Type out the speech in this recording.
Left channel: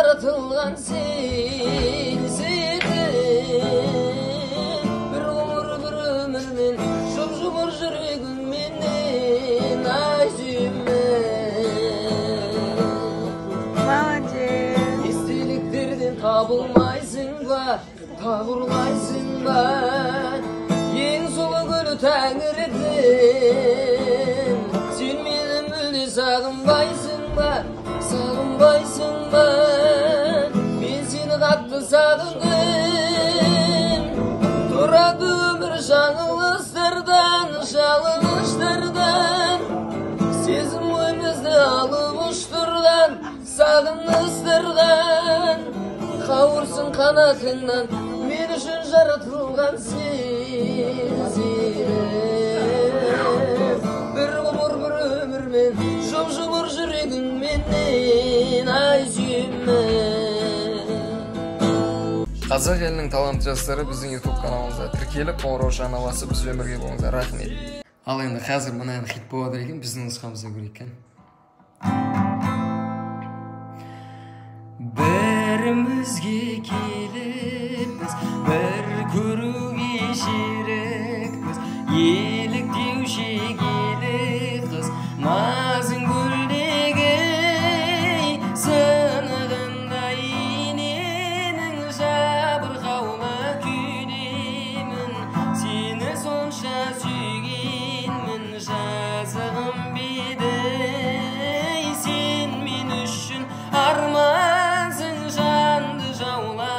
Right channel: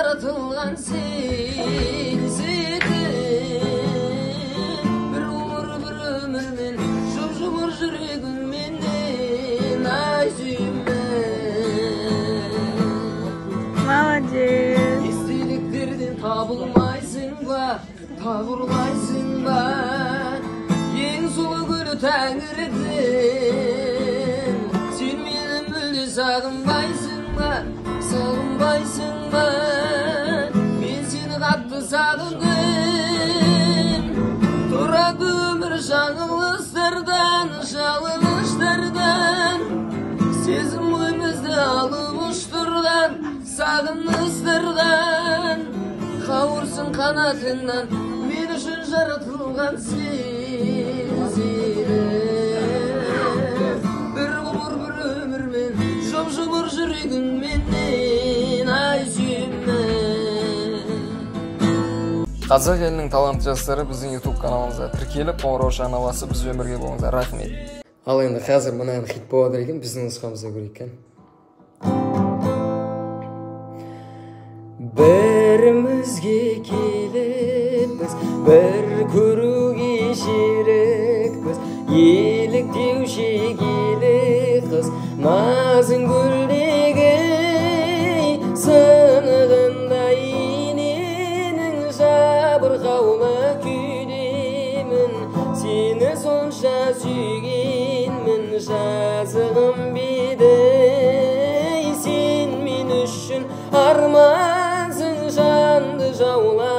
жаратылған сенседің бір ғұмыр бір өмірмен жұп-жұмыр жүрегіңменен айзүйме естеліктерден табылмайсың ба табырлайсың ба ең сұлу гүлі тәңірден сен мені мүлде сағынбайсың ба сағынбайсың ба мен сені қатты сағындым тұрады өмір жаңылыстардан жалыныштардан сезім ойымызды алып ұштырдан сағыныстардан қауырсын қанатыңнан мен үшін жаратылған сезім бір ғұмыр бір өмірмен жұп-жұмыр жүрегіңменен айзүйме. Қазақ елінің талантты жастары біздің YouTube каналымызда тіркеліп, қоңырау шағына басып бізбен бірге болыңыздар. Рахмет. Ал енді қазір мына ән хит болады екен, біздің нұсқамызда көрейік екен. Бірімізге келіппіз, бір көруге шерікпіз, еліктеуші келіп қыз, назың гүлдегі сынығындай иненің жабырқаулы күйдемін, сені сонша сүйгенмін, жазығым беді, сен мен үшін армансың жанды жаула